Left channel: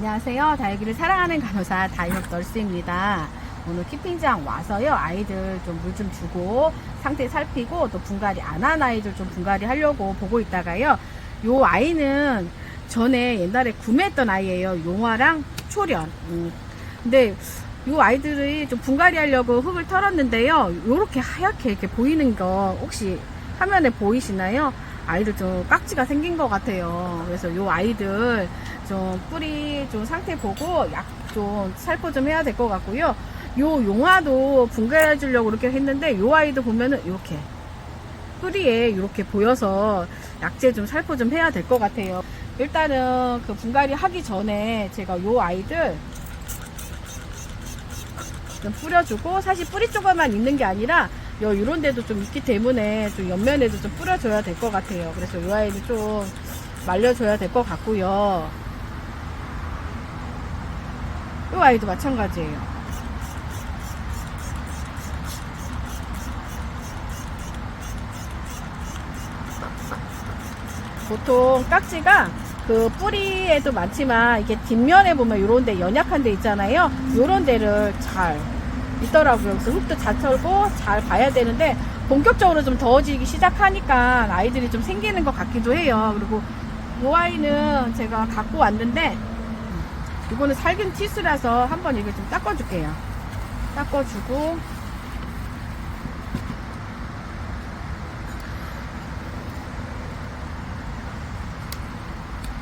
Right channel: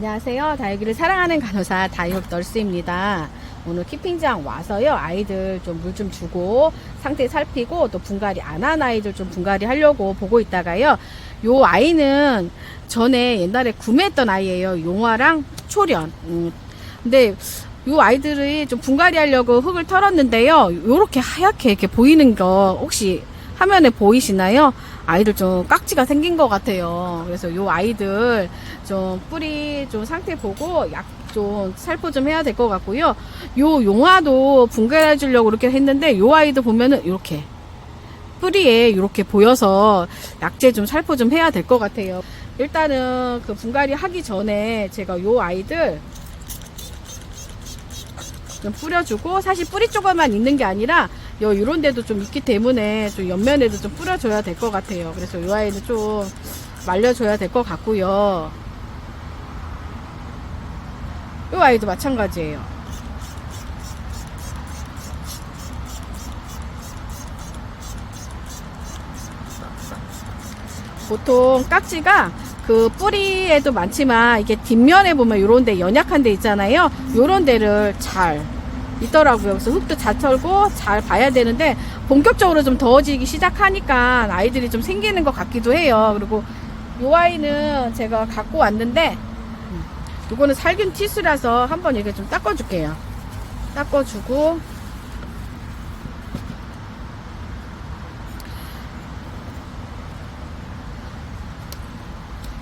안녕하세요. 다육이를 사랑하는 간호사 다육 널스입니다. 오늘 키핑장 와서요, 아이들 좀 물 좀 주고 상태 살피고 또 분갈이 안 한 아이들 좀 분갈이 하려고 보고 있다가요, 요 아이는 전에 옛날에 구매했던 아이예요. 용화랑 초련. 근데 요 아이들이 좀 분갈이 하려고 흙을 털었는데요, 요렇게 하얗게 이렇게 보이는 거 혹시 화면에 보이시나요? 아이들 좀 깍지가 생긴 것 같아요. 그래서 요 아이들 좀 뿌리 좀 상태 보고 약 좀 살포 좀 해야 될 것 같고요. 요 용화도 분갈해 주려고 이렇게 했는데, 요 아이도 보면은 이렇게 뿌리에 이렇게 보여서 약재 좀 살포 좀 해야 될 것 같아요. 일단은 그 분갈이 하기 전에 제가 요 아이들 좀 뿌려주고, 사실 뿌리 쪽에만 있는 게 아니라 요런 데도 좀 있기 때문에 좀 옆면에도 좀 뿌려줘야 될 것 같아요. 그래서 요 아이도 좀 말려줘야 될 것 같고요. 요 아이도 마찬가지예요. 보통 깍지가 그 뿌리에도 많지만 이게 뒷면에 보면 요런 데 연약한 데 있잖아요. 요런 데를 잘 있더라고요. 그래서 흙도 잘 털고 잘 봐야 되는데, 본격적으로 좀 더워지기 시작하니까 아이들이 좀 생기는 것 같기도 해요. 그리고 이 아이는 제가 갖고 왔는데, 이거는 살균 티슈라서 한번 이렇게 좀 닦아줄게요. 닦아주고,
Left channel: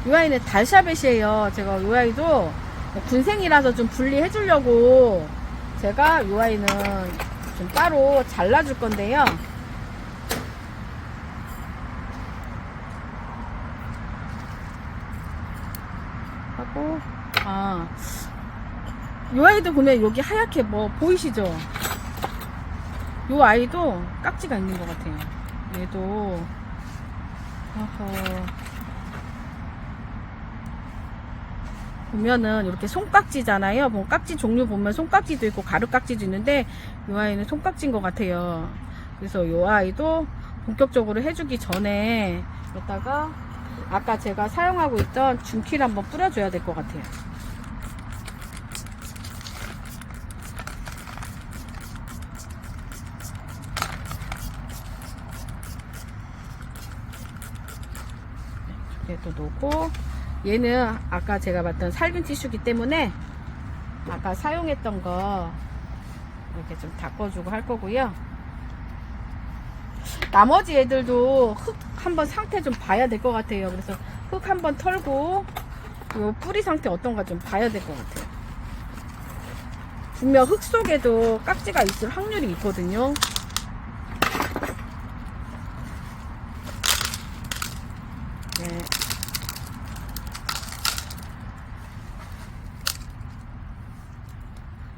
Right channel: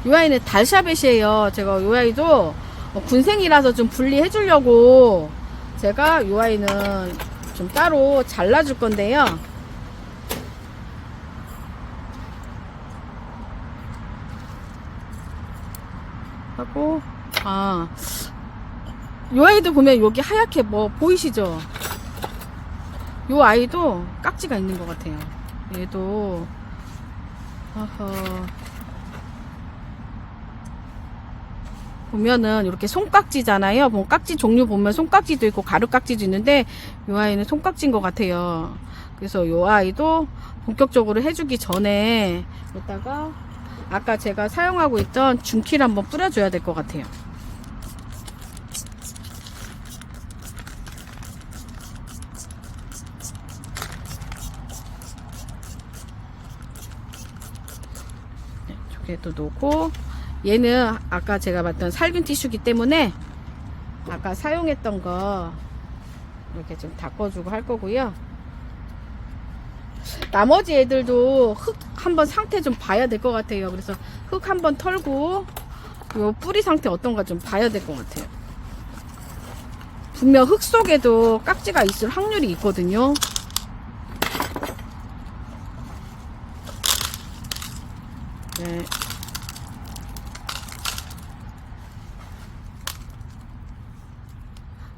이 아이는 달샤벳이에요. 제가 이 아이도 군생이라서 좀 분리해 주려고 제가 이 아이는 좀 따로 잘라줄 건데요. 하고, 이 아이도 보면 여기 하얗게 뭐 보이시죠? 이 아이도 깍지가 있는 것 같아요. 얘도 보면은 이렇게 손깍지잖아요. 뭐 깍지 종류 보면 손깍지도 있고 가루깍지도 있는데, 이 아이는 손깍지인 것 같아요. 그래서 이 아이도 본격적으로 해주기 전에 여기다가 아까 제가 사용하고 있던 중키를 한번 뿌려줘야 될 것 같아요. 이쪽에도 놓고, 얘는 아까 제가 봤던 살균 티슈기 때문에 아까 사용했던 거 이렇게 좀 닦아주고 할 거고요. 나머지 애들도 흙 한번 상태 좀 봐야 될 것 같아요. 그래서 흙 한번 털고 요 뿌리 상태 어떤가 좀 봐야 될 것 같아요. 분명 흙 속에도 깍지가 있을 확률이 있거든요. 네.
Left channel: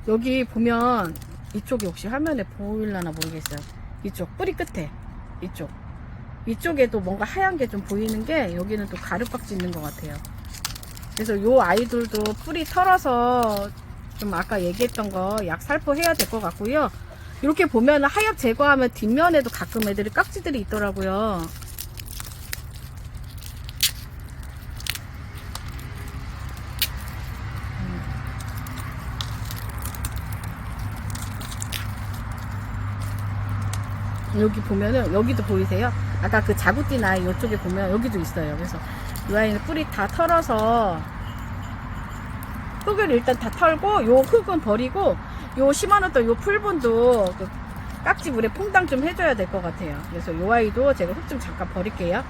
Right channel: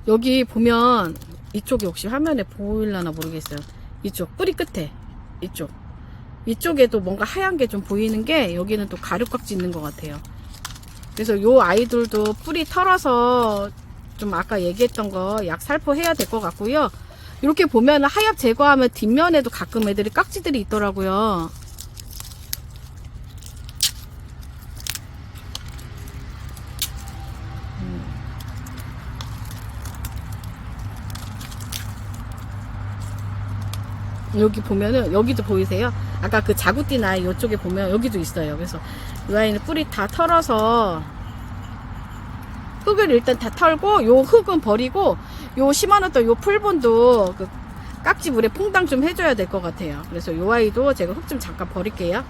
여기 보면 이쪽이 혹시 화면에 보일려나 모르겠어요. 이쪽 뿌리 끝에 이쪽에도 뭔가 하얀 게 좀 보이는 게, 여기는 또 가루깍지 있는 것 같아요. 그래서 요 아이들도 뿌리 털어서 좀 아까 얘기했던 거 약 살포해야 될 것 같고요. 이렇게 보면 하엽 제거하면 뒷면에도 가끔 애들이 깍지들이 있더라고요. 여기 보면은 여기도 보이세요? 아까 그 자구띠 아이 이쪽에 보면 여기도 있어요. 그래서 이 아이는 뿌리 다 털어서 흙을 일단 다 털고, 요 흙은 버리고 요 심어놨던 요 풀본도 그 깍지 물에 퐁당 좀 해줘야 될 것 같아요. 그래서 요 아이도 제가 흙 좀 잠깐 버릴게요.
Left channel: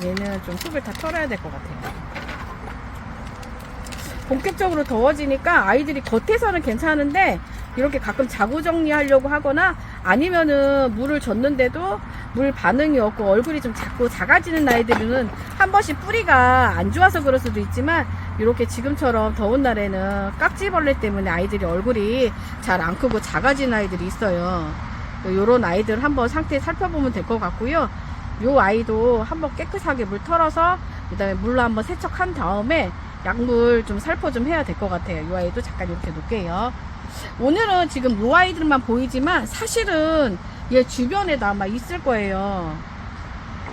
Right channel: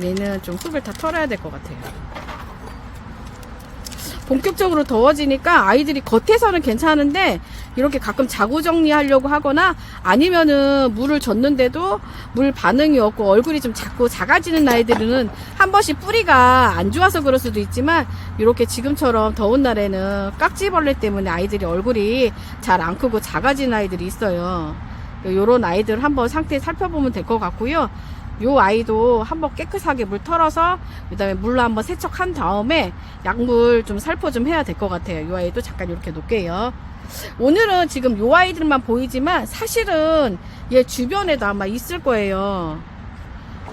얘는 좀 흙을 다 털어야 될 것 같아요. 본격적으로 더워지니까 아이들이 겉에서는 괜찮은데, 이렇게 가끔 자구 정리하려고 하거나 아니면은 물을 줬는데도 물 반응이 없고 얼굴이 좀 자꾸 작아지는 아이들은 한 번씩 뿌리가 안 좋아서 그럴 수도 있지만, 이렇게 지금처럼 더운 날에는 깍지벌레 때문에 아이들이 얼굴이 잘 안 크고 작아지는 아이들이 있어요. 요런 아이들 한번 상태 살펴보면 될 것 같고요. 요 아이도 한번 깨끗하게 물 털어서 그 다음에 물로 한번 세척한 다음에 약물 좀 살포 좀 해야 될 것 같아요. 요 아이도 잠깐 이렇게 놓을게요. 오늘은 지금 요 아이들만 보이지만 사실은 얘 주변에도 아마 있을 거예요.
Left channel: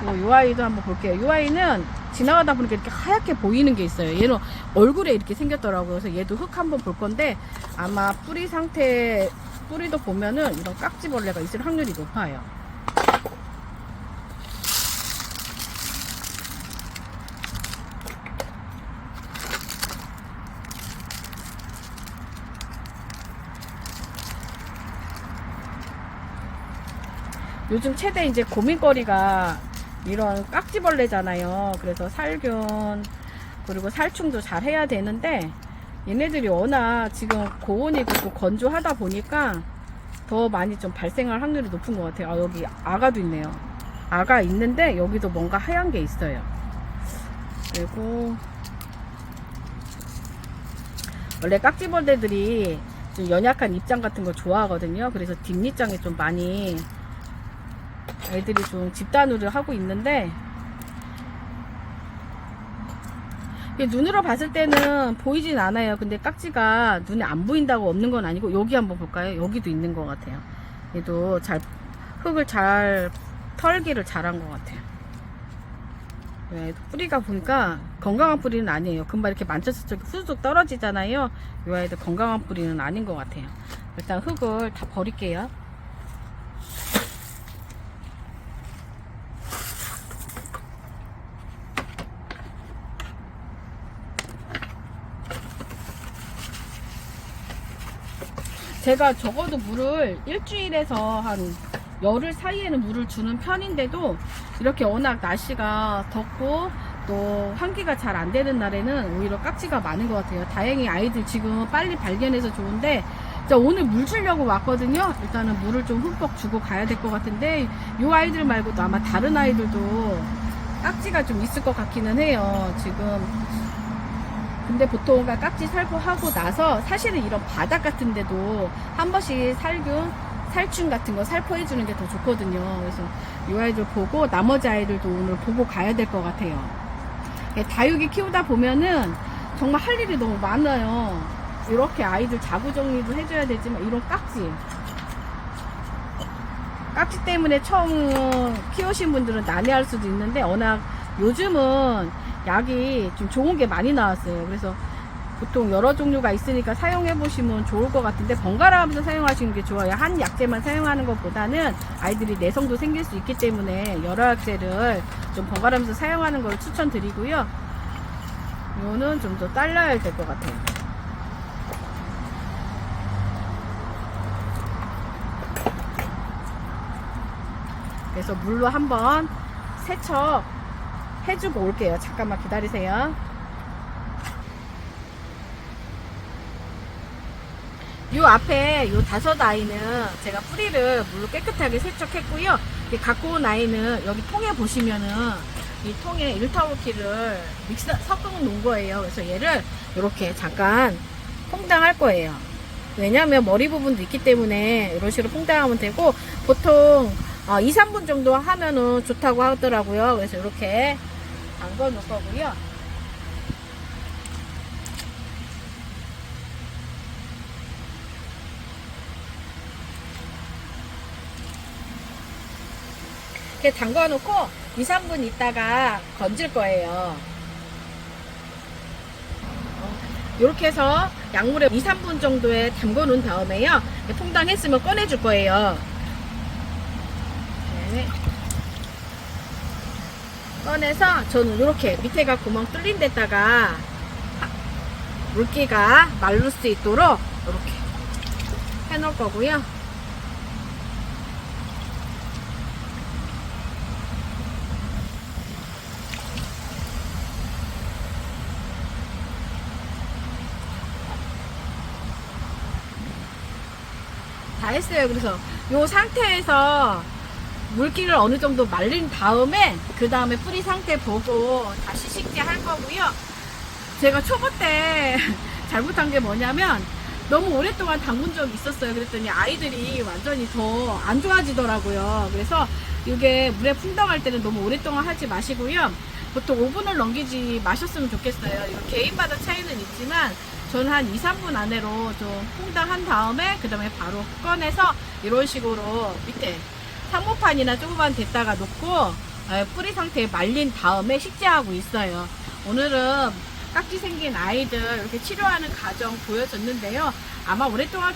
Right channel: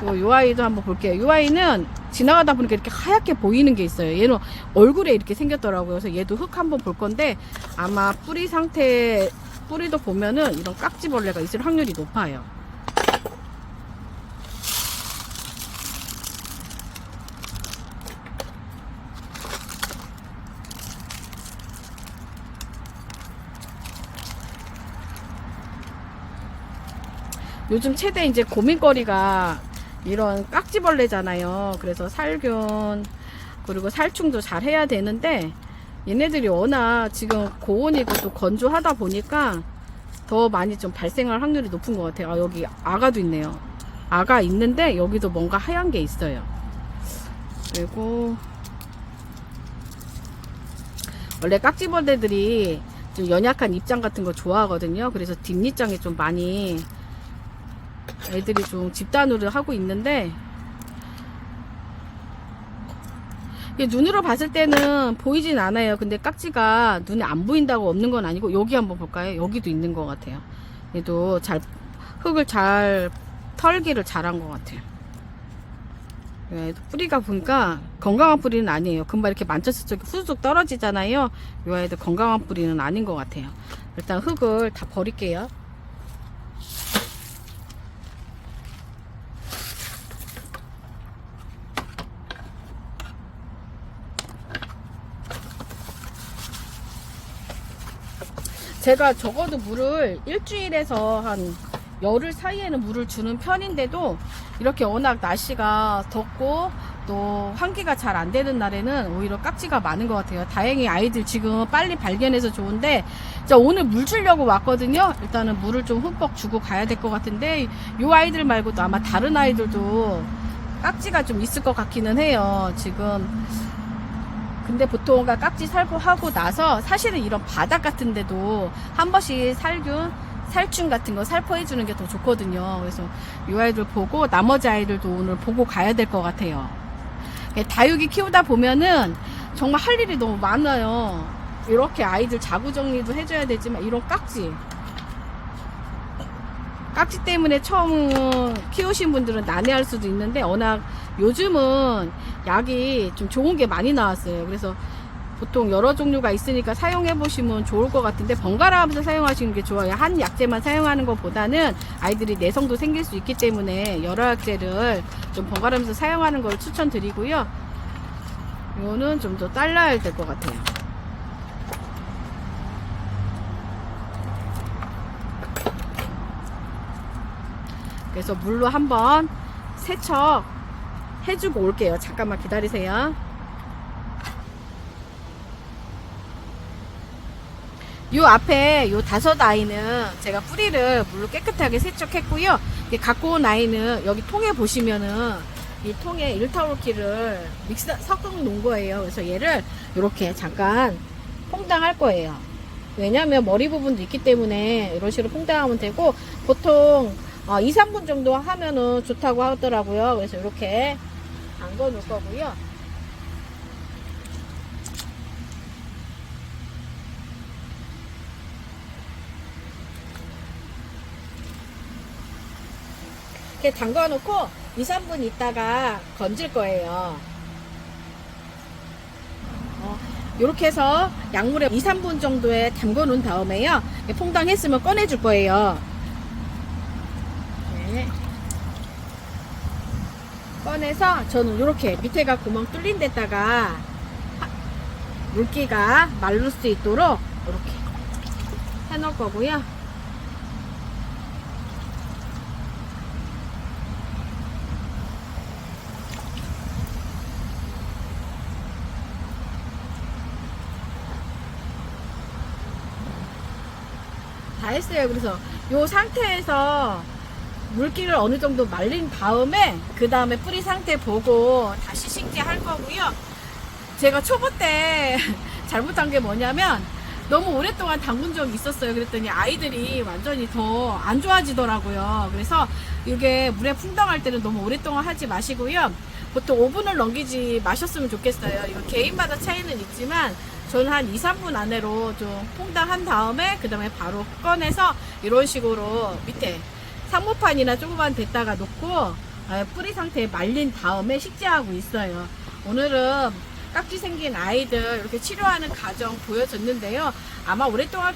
요 아이도 한번 볼게요. 요 아이는 지나가다 보니까 이렇게 하얗게 보이는 게 있어요. 얘는 얼굴에 이렇게 생겼더라고요. 그래서 얘도 흙 한번 볼 건데 아마 뿌리 상태, 뿌리도 보면은 이런 깍지벌레가 있을 확률이 높아요. 요즘 최대 이제 고민거리가 이런 깍지벌레잖아요. 그래서 살균 그리고 살충도 잘 해야 되는데 얘네들이 워낙 지금 고온이고 또 건조하다 보니까 더 많이 좀 발생할 확률이 높은 것 같아요. 아, 여기 아가도 있네요. 아가 있는데 여기도 뭔가 하얀 게 있어요. 그리고 원래 깍지벌레들이 좀 연약한 입장 같은 거 좋아하거든요. 그래서 뒷입장에 좀 많이 애들이 좀 집단으로 하고 있는데 눈으로 봤을 때는 보이진 않아요. 근데 깍지가 눈에 안 보인다고 없는 건 아니고 여기 한번 볼까요? 여기도 있는 것 같아요. 얘도 잘 흙을 잘 털기를 잘한 것 같아요. 뿌리가 보니까 건강한 뿌리는 아니에요. 금방 이렇게 만졌을 때 후쑥 떨어지잖아요. 이 아이들 건강한 뿌리는 아닌 것 같아요. 일단 흙을 다 버릴게요. 제가 적어도 물을 일주일에서 한 열흘 사이에는 물을 주는 편인데도 이렇게 워낙 날씨가 덥고 또 환기가 잘 안 되는 날에는 오히려 깍지가 많은 것 같아요. 다행히 아이들 지금 빨리 발견해서 좋은데 자, 오늘 물 주려고 왔거든요. 일단은 물을 좀 흠뻑 주고 가야 될 것 같은데 이 아이들 말고도 아마 다른 아이들도 깍지가 좀 있을 것 같기는 해요. 지금 근데 보통 깍지 살포하고 나서 사실은 이런 바닥 같은 데도 한 번씩 살균, 살충 같은 거 살포해 주는 게 더 좋거든요. 그래서 이 아이들 보고 나머지 아이들도 오늘 보고 가야 될 것 같아요. 다육이 키우다 보면은 정말 할 일이 너무 많아요. 이렇게 아이들 자구 정리도 해줘야 되지만 이런 깍지 때문에 처음 키우신 분들은 난해할 수도 있는데 워낙 요즘은 약이 좀 좋은 게 많이 나왔어요. 그래서 보통 여러 종류가 있으니까 사용해 보시면 좋을 것 같은데 번갈아 가면서 사용하시는 게 좋아요. 한 약재만 사용하는 것보다는 아이들이 내성도 생길 수 있기 때문에 여러 약재를 좀 번갈아 가면서 사용하는 걸 추천드리고요. 이거는 좀 더 잘라야 될 것 같아요. 그래서 물로 한번 세척 해주고 올게요. 잠깐만 기다리세요. 요 앞에 요 5아이는 제가 뿌리를 물로 깨끗하게 세척했고요. 갖고 온 아이는 여기 통에 보시면은 이 통에 1타올키를 섞어 놓은 거예요. 그래서 얘를 이렇게 잠깐 퐁당할 거예요. 왜냐면 머리 부분도 있기 때문에 이런 식으로 퐁당하면 되고 보통 2, 3분 정도 하면은 좋다고 하더라고요. 그래서 이렇게 담궈 놓을 거고요. 이렇게 담궈 놓고 2, 3분 있다가 건질 거예요. 이렇게 해서 약물에 2, 3분 정도에 담궈 놓은 다음에요. 퐁당했으면 꺼내 줄 거예요. 네. 꺼내서 저는 이렇게 밑에가 구멍 뚫린 데다가 물기가 마를 수 있도록 이렇게 해 놓을 거고요. 다 했어요. 그래서 이 상태에서 물기를 어느 정도 말린 다음에 그 다음에 뿌리 상태 보고 다시 심게 할 거고요. 제가 초보 때 잘못한 게 뭐냐면 너무 오랫동안 담근 적이 있었어요. 그랬더니 아이들이 완전히 더 안 좋아지더라고요. 그래서 이게 물에 풍덩할 때는 너무 오랫동안 하지 마시고요. 보통 5분을 넘기지 마셨으면 좋겠어요. 이거 개인마다 차이는 있지만 저는 한 2, 3분 안으로 좀 퐁당한 다음에 그 다음에 바로 꺼내서 이런 식으로 밑에 상모판이나 조금만 댔다가 놓고 뿌리 상태에 말린 다음에 식재하고 있어요. 오늘은 깍지 생긴 아이들 이렇게 치료하는 과정 보여줬는데요. 아마 오랫동안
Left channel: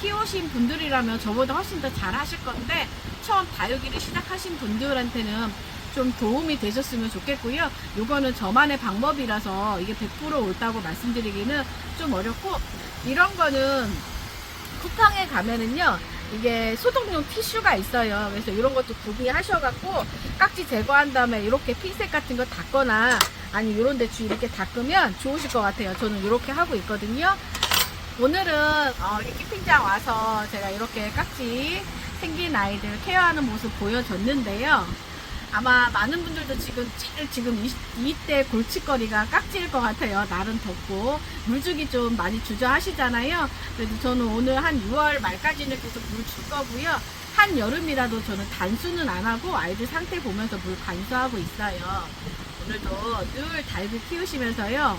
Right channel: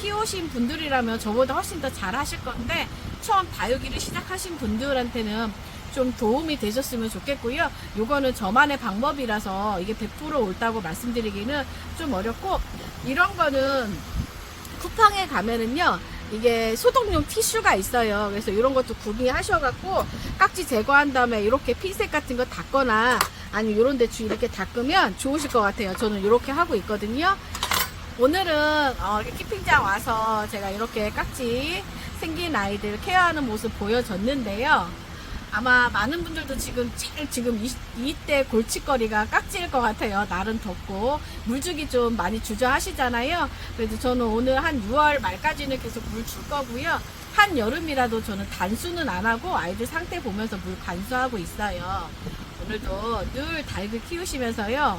키우신 분들이라면 저보다 훨씬 더 잘 하실 건데 처음 다육이를 시작하신 분들한테는 좀 도움이 되셨으면 좋겠고요. 이거는 저만의 방법이라서 이게 100% 옳다고 말씀드리기는 좀 어렵고, 이런 거는 쿠팡에 가면은요 이게 소독용 티슈가 있어요. 그래서 이런 것도 구비하셔갖고 깍지 제거한 다음에 이렇게 핀셋 같은 거 닦거나 아니면 이런 데 이렇게 닦으면 좋으실 것 같아요. 저는 이렇게 하고 있거든요. 오늘은 키핑장 와서 제가 이렇게 깍지 생긴 아이들 케어하는 모습 보여줬는데요. 아마 많은 분들도 지금 이때 골칫거리가 깍지일 것 같아요. 날은 덥고 물주기 좀 많이 주저하시잖아요. 그래서 저는 오늘 한 6월 말까지는 계속 물 줄 거고요. 한여름이라도 저는 단수는 안 하고 아이들 상태 보면서 물 반수하고 있어요. 오늘도 늘 다육이 키우시면서요.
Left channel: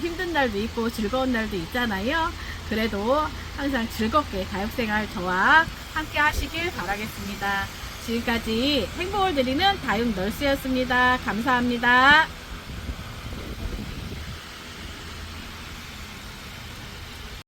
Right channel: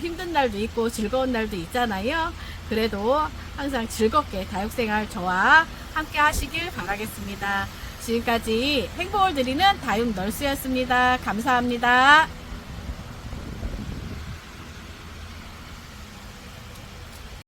힘든 날도 있고 즐거운 날도 있잖아요. 그래도 항상 즐겁게 다육생활 저와 함께 하시길 바라겠습니다. 지금까지 행복을 드리는 다육 널스였습니다. 감사합니다.